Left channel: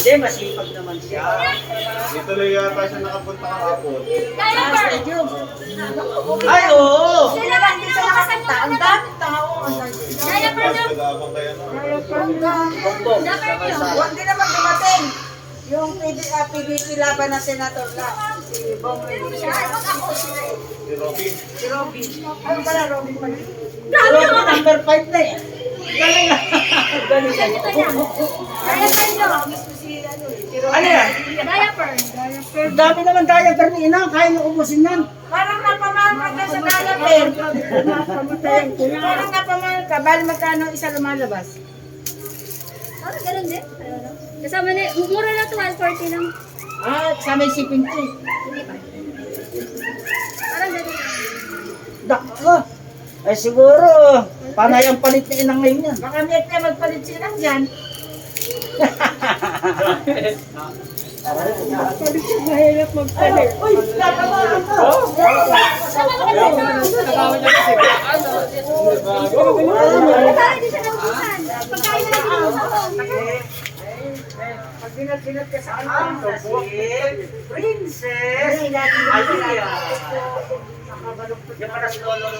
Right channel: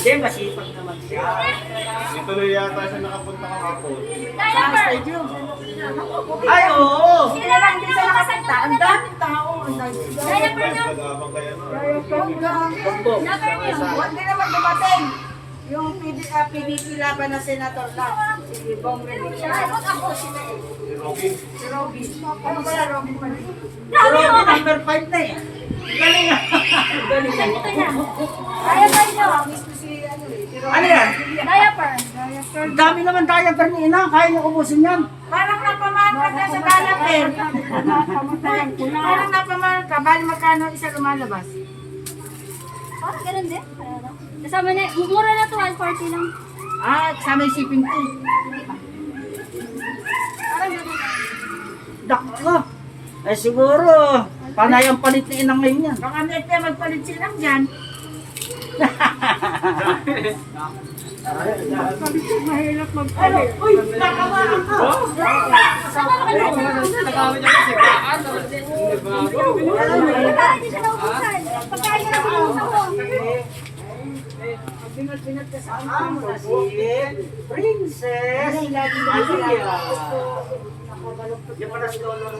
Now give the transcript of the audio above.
Hindi, masipag naman siya. Dito na yata siya nakapunta kahapon. Stadium. Ay, oo. Sila lang din sa nakapunta. Ang daming tao. Ang daming tao. Diaper na. Nag-aabang kayo no? Diaper niyo. Hindi naman dumating. Yung PDP laban ng Senator lang. Si Bong Rene. Siya, wag ako sila eh. Si Robby. Si Robby. Ano pala Robby pala? Grabe Si Robby oh. number 5 na eh. Galing nga. Galing nga. Diaper niyo. Ano yan? Diaper. Ang dami naman diaper ni Ina. Kaya niyo ubusin yan. Parang napamahal ka sa diaper. Parang napamahal ka. Bali magkano isa lumalabas? Ah, ganun din. Kasama na, mura na to, 140 lang. Ah, kasama yung shipping fee. Parang ganun lang. Dakla. Eh siguro, panay ang palit ni Ina ngayon yan. Baka may magpalit silang dyan. Mahirap magpalit. Uy, nakabahan ka. Sama ka na. Nagkakaroon din siya ng ubusan. Pagkain na lang binubusan ko. Pag binat ka sa ano. Princess. Ay, lagi na Alia. sila. Yung para si Lolo.